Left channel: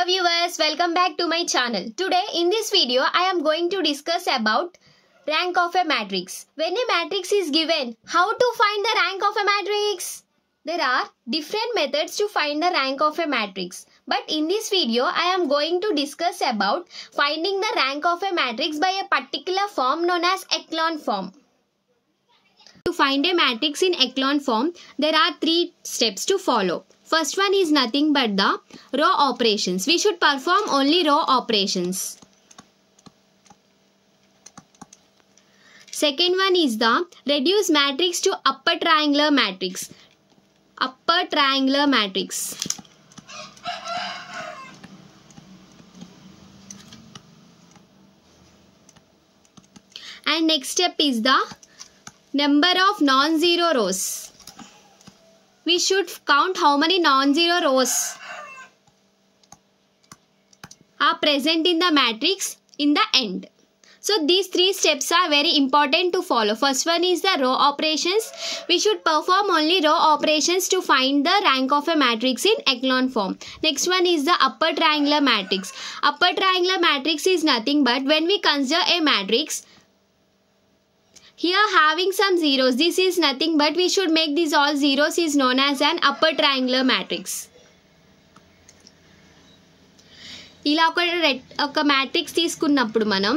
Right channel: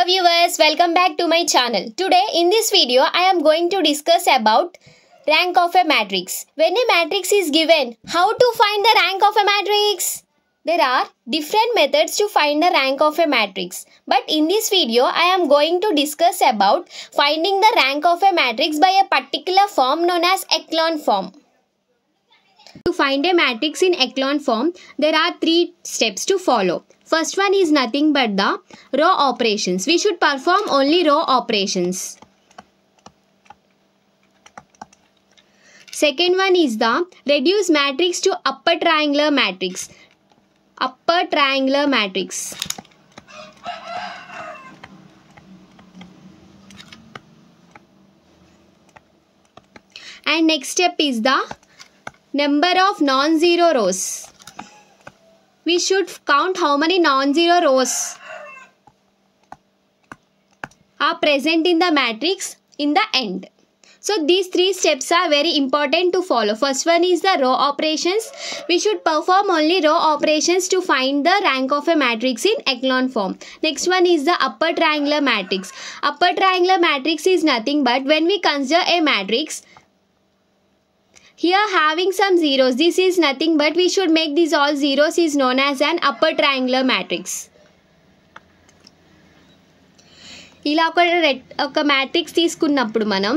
Hello viewers, welcome back to my channel. Today in this video I am going to discuss about rank of a matrix. When a matrix is given, how to find the rank of a matrix? There are different methods to find the rank of a matrix. But in this video I am going to discuss about finding the rank of a matrix by a particular form known as echelon form. To find a matrix in echelon form, there are 3 steps to follow. First one is nothing but the row operations. We should perform only row operations. Second one is the reduce matrix to upper triangular matrix. Upper triangular matrix. And next step is the number of non-zero rows. We should count how many non-zero rows are present in the matrix in the end. So these 3 steps are very important to follow. First one is the row operations. We should perform only row operations to find the rank of a matrix in echelon form. Next one is the upper triangular matrix. Upper triangular matrix is nothing but when we consider a matrix here having some zeros, this is nothing but we should make these all zeros, is known as an upper triangular matrix. ఇలా ఒక matrix తీసుకున్నప్పుడు మనం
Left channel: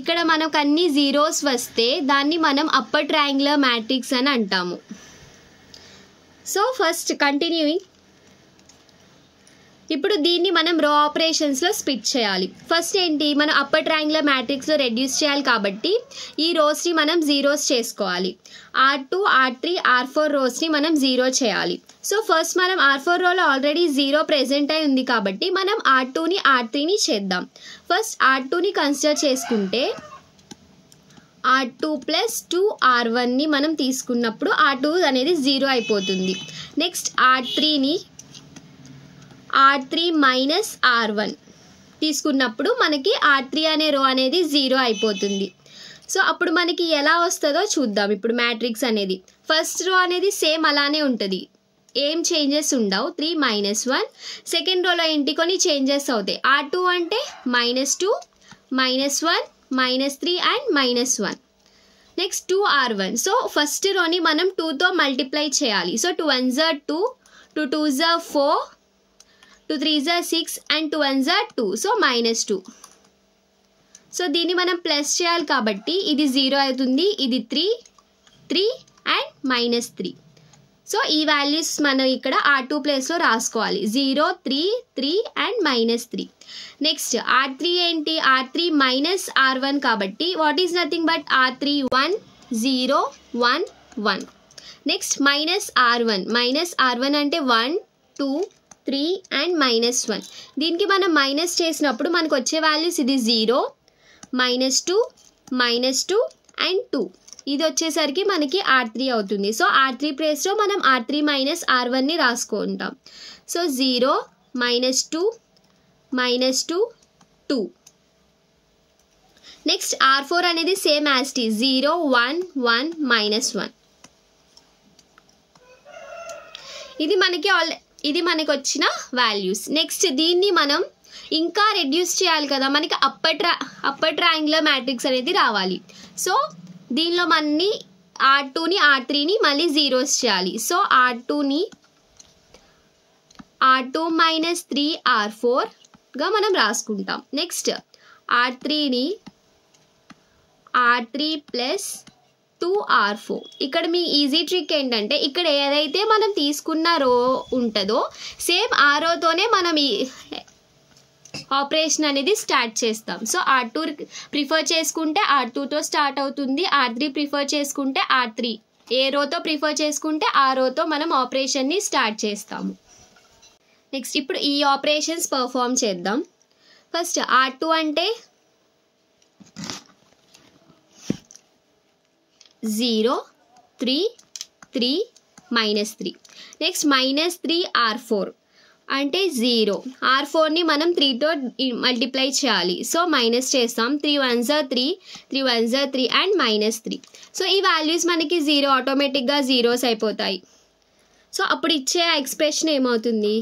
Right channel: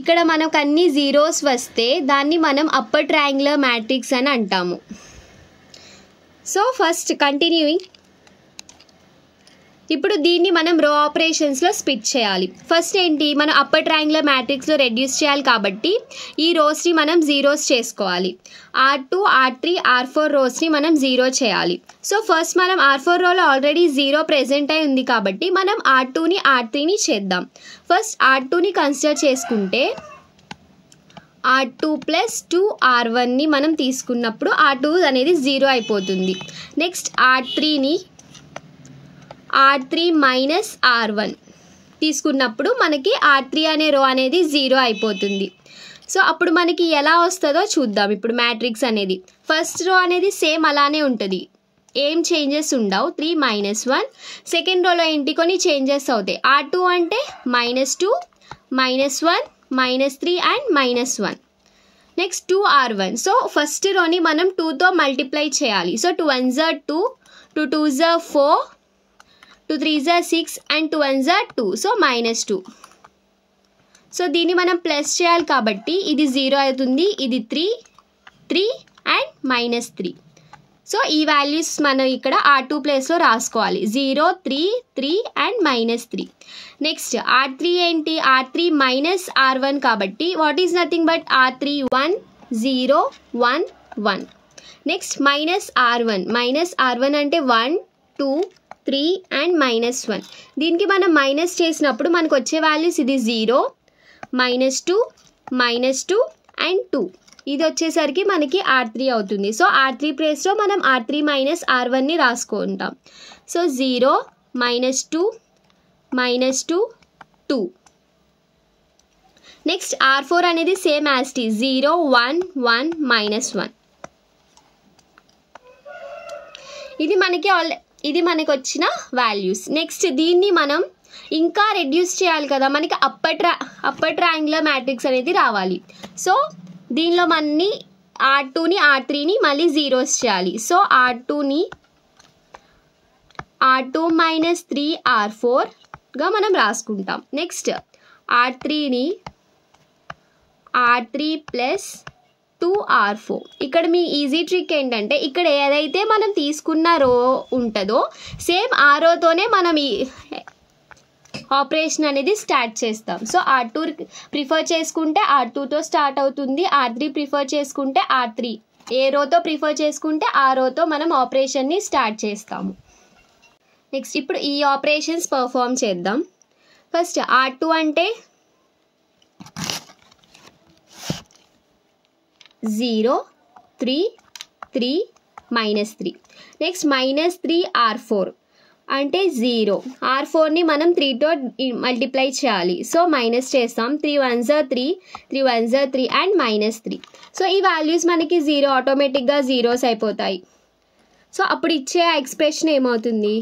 ఇక్కడ మనకు అన్ని zeros వస్తే దాన్ని మనం upper triangular matrix అని అంటాము. సో ఫస్ట్ కంటిన్యూయింగ్ ఇప్పుడు దీన్ని మనం రో ఆపరేషన్స్లో స్ప్లిట్ చేయాలి. ఫస్ట్ ఏంటి, మనం అప్పర్ ట్రయాంగులర్ మ్యాట్రిక్స్లో రెడ్యూస్ చేయాలి కాబట్టి ఈ రోస్ని మనం జీరోస్ చేసుకోవాలి. R2, R3, R4 రోస్ని మనం జీరో చేయాలి. సో ఫస్ట్ మనం R4 రోలో ఆల్రెడీ జీరో ప్రెజెంట్ అయి ఉంది కాబట్టి మనం R2ని R3ని చేద్దాం. ఫస్ట్ R2ని కన్సిడర్ చేసుకుంటే R2 ప్లస్ 2 R1ని మనం తీసుకున్నప్పుడు R2 అనేది జీరో అయిపోతుంది. నెక్స్ట్ R3ని R3 మైనస్ R1 తీసుకున్నప్పుడు మనకి R3 అనే రో అనేది జీరో అయిపోతుంది. సో అప్పుడు మనకి ఎలా వస్తుందో చూద్దాం. ఇప్పుడు మ్యాట్రిక్స్ అనేది ఫస్ట్ రో అనేది సేమ్ అలానే ఉంటుంది, ఏం చేంజెస్ ఉండవు. 3 మైనస్ 1. సెకండ్ రోలో ఏంటి కొన్ని చేంజెస్ అవుతాయి. R2 అంటే -2, -1, -3 and -1. Next 2 R1. So first రోని మనం 2తో మల్టిప్లై చేయాలి. సో 2 1s are 2, 2 2s are 4, 2 3s are 6 and 2 1s are 2. So -2. So దీన్ని మనం ప్లస్ చేయాలి కాబట్టి ఇది 0 అవుతుంది. ఇది 3, 3 అండ్ -3. సో ఈ వాల్యూస్ మనం ఇక్కడ R2 ప్లేస్లో రాసుకోవాలి. 0, 3, 3 అండ్ -3. నెక్స్ట్ R3 ఏంటి, R3 మైనస్ R1 కాబట్టి what is nothing but R3 1 0 1 1. Next minus R1 అంటే 1 2 3 అండ్ -1. దీనికి మనం మైనస్ చేసినప్పుడు మనకు వచ్చే వాల్యూస్ ఇది 0 -2 -2 అండ్ 2. ఇది వచ్చేసరికి మనకి R3 అవుతుంది. సో R3 ప్లేస్లో మనం R3 మైనస్ R1ని రాసుకుంటాం. సో 0 -2 -2 2. నెక్స్ట్ R4 అనేది సేమ్ యాజ్ టీ 0 1 1 -1. ఇది మనకి వచ్చిన వాల్యూస్. నెక్స్ట్ దీన్ని మనం ఇంకా రెడ్యూస్ చేయాలి కదా, మనకి అప్పర్ ట్రయాంగులర్ మ్యాట్రిక్స్ అనేది రావాలి. సో దీనిలో మనని R2ని R3ని మళ్ళీ జీరోస్ చేయాలి. సో R2ని R2 మైనస్ 3 R4గా మనం రాసుకుంటాం. నెక్స్ట్ R3ని R3 ప్లస్ 2 R4. ఇక్కడ మీ ఈజీ ట్రిక్ ఏంటంటే ఇక్కడ ఏదైతే మనం తీసుకున్న రో ఉంటుందో సేమ్ ఆ రోతోనే మనం ఈ ఆపరేషన్ అనేది స్టార్ట్ చేస్తాం. సో R2 ప్రిఫర్ చేసుకుంటే R2తో స్టార్ట్ అవుతుంది. R3 ప్రిఫర్ చేసుకుంటే R3, ఏ రోతో ప్రిఫర్ చేసుకుంటే ఆ రోతో మనం ఆపరేషన్ని స్టార్ట్ చేస్తాము. నెక్స్ట్ ఇప్పుడు ఈ ఆపరేషన్స్ పర్ఫామ్ చేద్దాం. ఫస్ట్ R2 అంటే 0 3 3 -3. నెక్స్ట్ -3 R4 అంటే 0. R4ని మనం 3తో మల్టిప్లై చేయాలి. సో మైనస్ చేస్తాం. 3 1s are 3, 3 1s are 3 and -3. So ఈ వాల్యూస్ మనకి 0 ఆటోమేటిక్గా జీరోస్ అయిపోతాయి. సో అప్పుడు ఇచ్చే ఎక్స్ప్రెషన్ ఏమవుతుంది,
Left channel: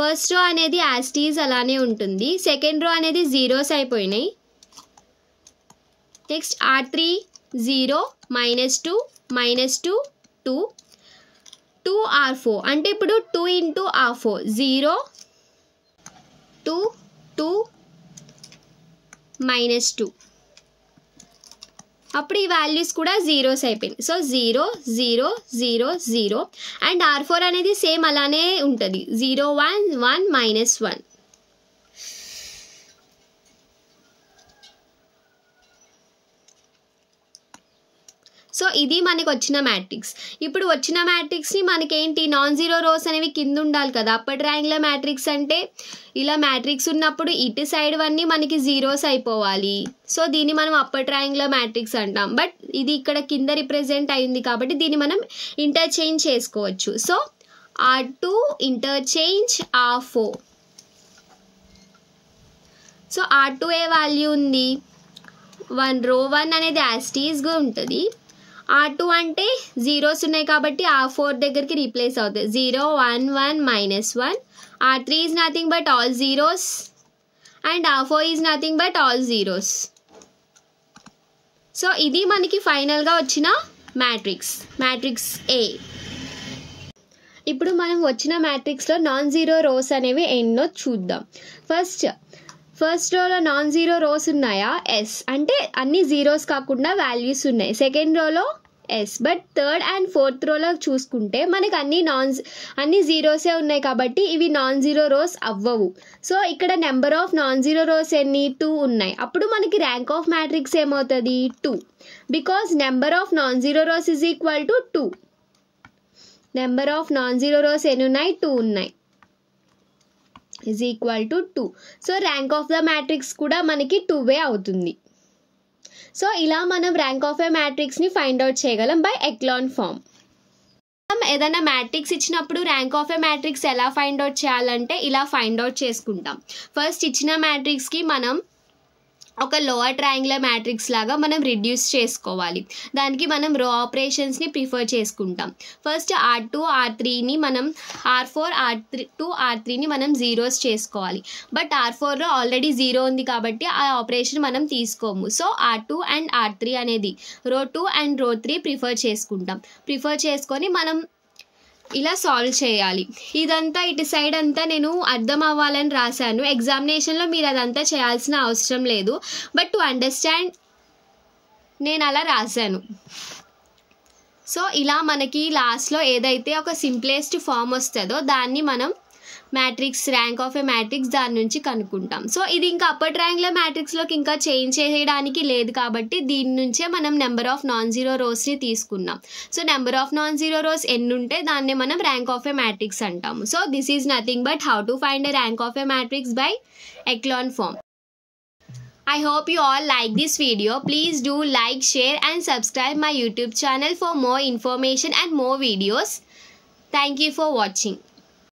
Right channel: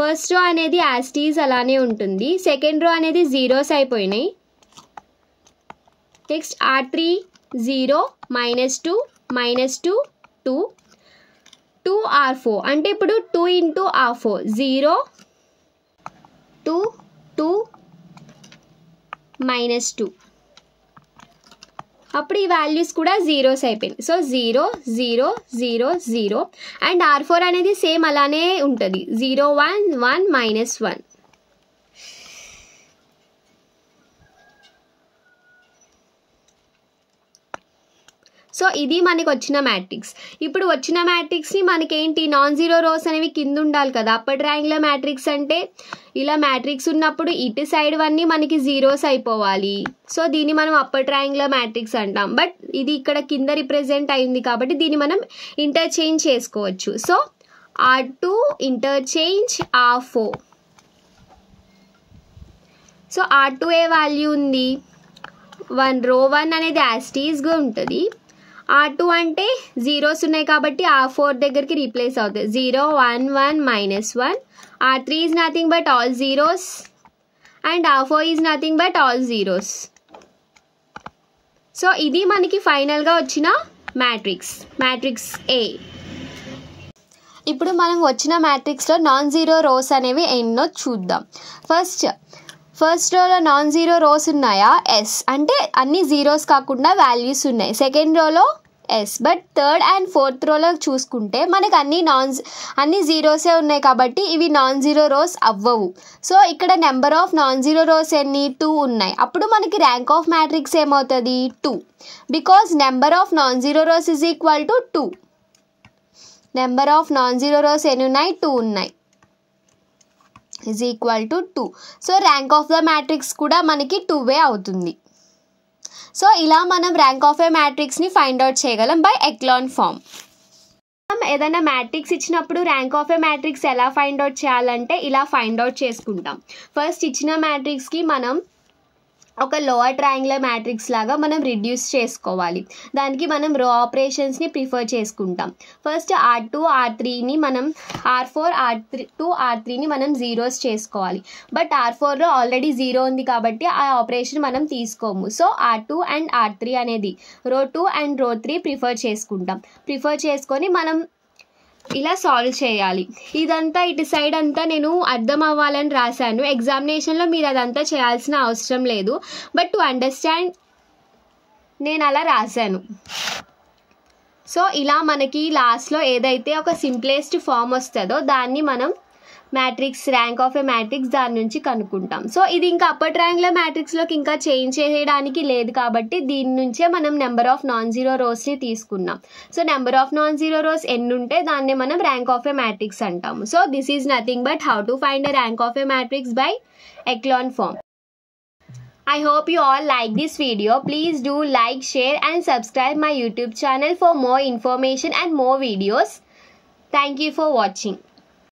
ఫస్ట్ రో అనేది యాజ్ టీజ్ అలానే ఉంటుంది. సెకండ్ రో అనేది జీరోస్ అయిపోయినాయి. నెక్స్ట్ R3 0 -2 -2 2 2 R4 అంటే ఇప్పుడు 2 into R4 0 2 2 -2 అప్పుడు ఈ వాల్యూస్ కూడా జీరోస్ అయిపోయింది. సో 0 0 0 0 అండ్ R4 అనేది సేమ్ అలానే ఉంటుంది 0 1 1 -1. సో ఇది మనకి వచ్చిన మ్యాట్రిక్స్. ఇప్పుడు వచ్చిన మ్యాట్రిక్స్ని మనకేంటి నాన్ జీరో రోస్ అనేవి కింద ఉండాలి కదా. అప్పర్ ట్రయాంగులర్ మ్యాట్రిక్స్ అంటే ఇలా మ్యాట్రిక్స్ ఉన్నప్పుడు ఇటు సైడ్ అన్నీ మనకి జీరోస్ అయిపోవాలి. సో దీన్ని మనం అప్పర్ ట్రయాంగులర్ మ్యాట్రిక్స్ అంటాం. బట్ ఇది ఇక్కడ కింద రిప్రజెంట్ అయింది కాబట్టి దీన్ని మనం ఇంటర్చేంజ్ చేసుకోవచ్చు. So R2 interchange R4. So R2 ఏ వాల్యూ ఉంది 1 రో 1 అనేది యాస్టీస్గా ఉంటుంది. R2 అంటే జీరోస్ ఉన్నాయి కాబట్టి R4 దగ్గరికి రీప్లేస్ అవుతుంది 0 1 1 -1. R3 is nothing but all zeros and R4 is nothing but all zeros. So ఇది మనకి ఫైనల్గా వచ్చిన మ్యాట్రిక్స్ A. ఇప్పుడు మనం వచ్చిన మ్యాట్రిక్స్లో నాన్ జీరో రోస్ అనేవి ఎన్నో చూద్దాం. ఫస్ట్ రోలో నాన్ జీరో రోస్ ఉన్నాయా ఎస్ అంటే అన్ని జీరోస్ కాకుండా వాల్యూస్ ఉన్నాయి. సెకండ్ రోలో yes but third and fourth రోలో చూసుకుంటే మనకి అన్ని జీరోసే ఉన్నాయి కాబట్టి ఇవి నాన్ జీరో రోస్ అవ్వవు. సో ఇక్కడ number of non zero rows ఎన్ని 2 ఉన్నాయి. అప్పుడు మనకి ర్యాంక్ ఆఫ్ మ్యాట్రిక్స్ ఏమవుతుంది 2 because number of non zero rows is equal to 2. Number of non zero rows ఎన్ని ఉన్నాయి 2 ఉన్నాయి is equal to 2. So rank of the matrix కూడా మనకి 2 అవుతుంది. సో ఇలా మనం ర్యాంక్ ఆఫ్ ఏ మ్యాట్రిక్స్ని ఫైండ్ అవుట్ చేయగలం బై ఎక్లాన్ ఫామ్. మనం ఏదైనా మ్యాట్రిక్స్ ఇచ్చినప్పుడు ర్యాంక్ ఆఫ్ ఏ మ్యాట్రిక్స్ ఎలా ఫైండ్ అవుట్ చేయాలంటే ఇలా ఫైండ్ అవుట్ చేసుకుంటాం. ఫస్ట్ ఇచ్చిన మ్యాట్రిక్స్కి మనం ఒక లోవర్ ట్రయాంగులర్ మ్యాట్రిక్స్ లాగా మనం రిడ్యూస్ చేసుకోవాలి. దానికి మనం రో ఆపరేషన్స్ని ప్రిఫర్ చేసుకుంటాం. ఫస్ట్ R2 R3ని మనం R4 R2 R3ని మనం జీరోస్ చేసుకోవాలి. బట్ R4లో ఆల్రెడీ జీరో ఉంది కాబట్టి ఆ ఆపరేషన్ మనం తీసుకోము. సో R2 అండ్ R3 అనేది రో 2 అండ్ రో 3 ప్రిఫర్ చేసుకొని మనం ఇలా సాల్వ్ చేయాలి. ఇదంతా ఇటు సైడ్ అంతా నేను అర్థం అవ్వాలని రాశాను. ఎగ్జామినేషన్లో మీరు అదంతా చేయాల్సిన అవసరం లేదు. బట్ టు అండర్స్టాండ్ నేను అలా రాశాను. సో ఇలా మనకి లాస్ట్లో ఏదైతే ఒక సింప్లెస్ట్ ఫామ్ వస్తుందో దాన్ని మనం matrix rank of a matrix దాని నుంచి కనుక్కుంటాం. సో ఇది ఇంకా అప్పర్ ట్రయాంగులర్ మ్యాట్రిక్స్లోకి ఇంకా చేంజ్ చేయడానికి లేదు కాబట్టి దీని నుంచే మనం నెంబర్ ఆఫ్ నాన్ జీరో రోస్ని తీసుకున్నాం. So number of non zero rows ఎన్ని ఉంటే దాన్ని మనం ర్యాంక్ ఆఫ్ ఏ మ్యాట్రిక్స్ అంటాము. So this is nothing but how to find a rank of a matrix by echelon form. I hope you all like this video. Please do like, share and subscribe my YouTube channel for more information and more videos. Thank you for watching.